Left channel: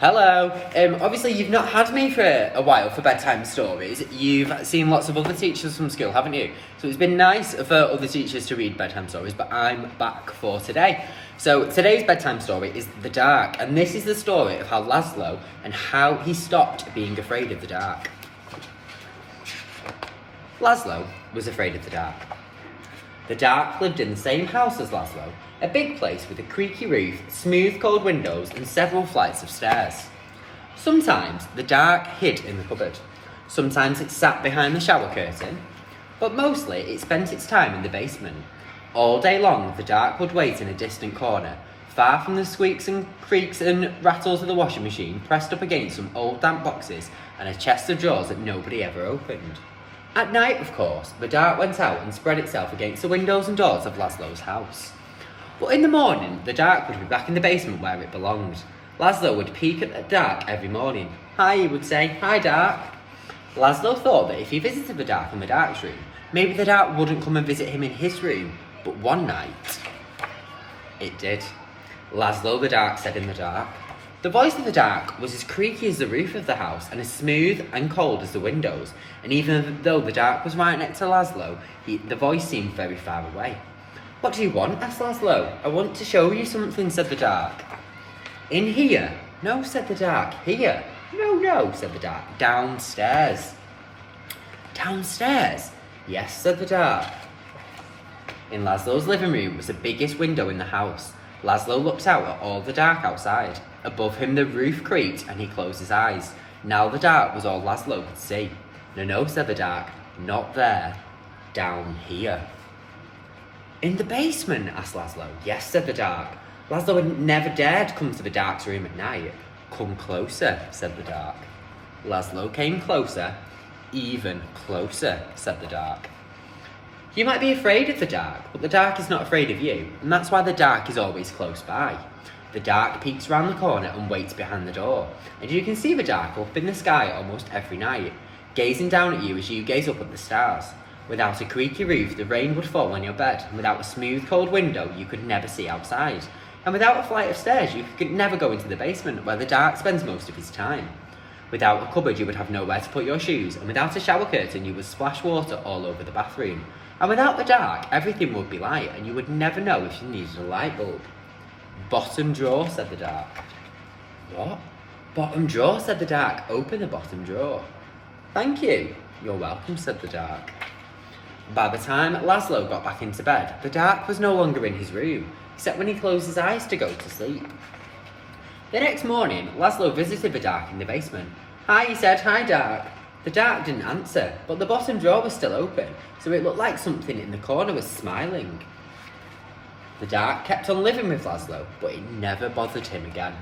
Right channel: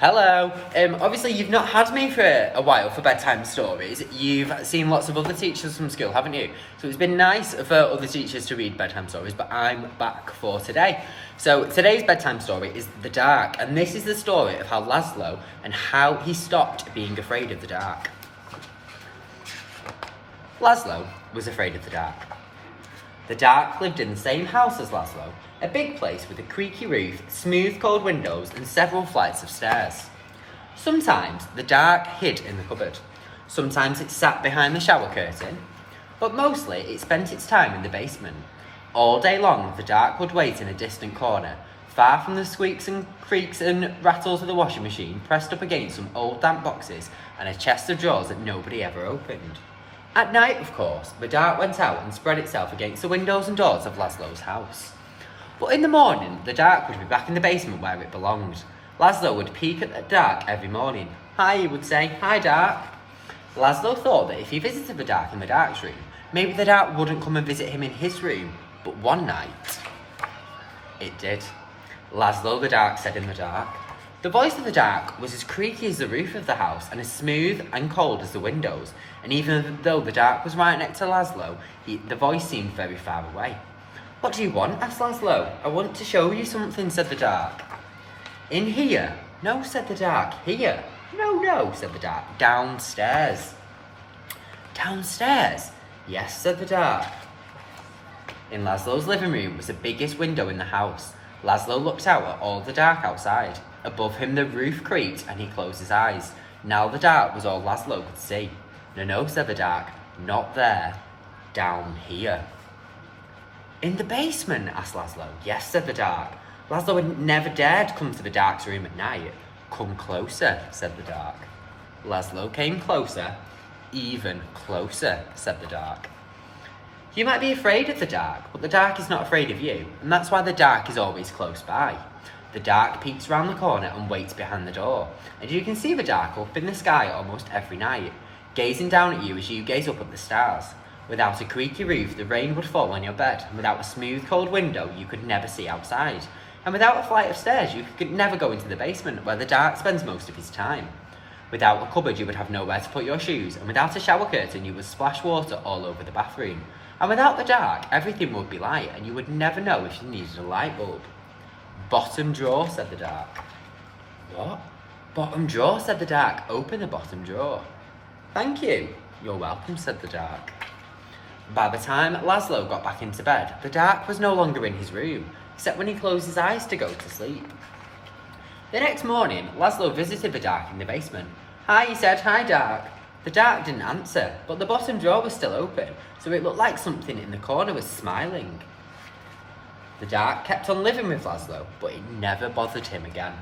Hello. Obviously you've not had me for a while for bedtime stories. You've seen lots of other teachers from school, haven't you? So it's been nice for other teachers to read bedtime stories, but I'm back for today. So today's bedtime story is The Dark, and this is the story of how Laszlo and how he stopped being afraid of the dark. Laszlo was afraid of the dark. The dark lived in the same house as Laszlo, a big place with a creaky roof, smooth cold windows and several flights of stairs. Sometimes the dark hid in the cupboard. Sometimes it sat behind the shower curtain, but mostly it spent its time in the basement. All day long the dark would wait in a distant corner, far from the squeaks and creaks and rattles of the washing machine, pressed up against some old damp boxes and a chest of drawers that nobody ever opened. At night, of course, the dark went out and spread itself against the windows and doors of Laszlo's house. But in the morning, the dark would be back in the basement where it belonged. Laszlo would peek at the dark every morning. "Hi," he would say. "Hi, dark." Laszlo thought that if he visited the dark in the dark's room, maybe the dark wouldn't come and visit him in his room. But one night, it did. Laszlo the dark said in the dark. The voice of the dark was as creaky as the roof of the house and as smooth and cold as the windows. And even though the dark was right next to Laszlo, the voice seemed very far away. "What do you want?" asked Laszlo. "I want to show you something," said the dark. "In here?" "No," said the dark. "Here?" No, said the dark. "Downstairs." "Downstairs?" "Yes," said the dark. In Laszlo's living room was the biggest window in the house. Laszlo looked out at all the dark outside. Above him the roof creaked and he closed his eyes. Now the dark was all Laszlo could see. No, said the dark. "Not there. Down here." "In the basement?" asked Laszlo. "Yes," said the dark. Laszlo had never dared come to the dark's room at night. "Come closer," said the dark. Laszlo came closer. "Even closer," said the dark. You might be afraid of the dark, but the dark is not afraid of you, and that's why the dark is always close by. The dark peeks round the corner and waits behind the door, and you can see the dark up in the sky almost every night, gazing down at you as you gaze up at the stars. Without a creaky roof, the rain would fall on your bed, and without a smooth, cold window, you could never see outside. And without a flight of stairs, you could never go into the basement, where the dark spends most of his time. Without a cupboard, you would have nowhere to put your shoes, and without a shower curtain, you would splash water all over the bathroom. And without the dark, everything would be light, and you would never know if you needed a light bulb. "Bottom drawer," said the dark. "What?" "Bottom drawer," said the dark. "Open the bottom drawer." "Thank you." "You're welcome," said the dark. By the time Laszlo got back into bed, the dark was no longer in his room, except when he closed his eyes to go to sleep. The next morning, Laszlo visited the dark in the basement. "Hi," he said. "Hi, dark." The dark didn't answer, but the bottom drawer was still open, so it looked like something in the corner was smiling. The dark kept on living with Laszlo, but it never bothered him again.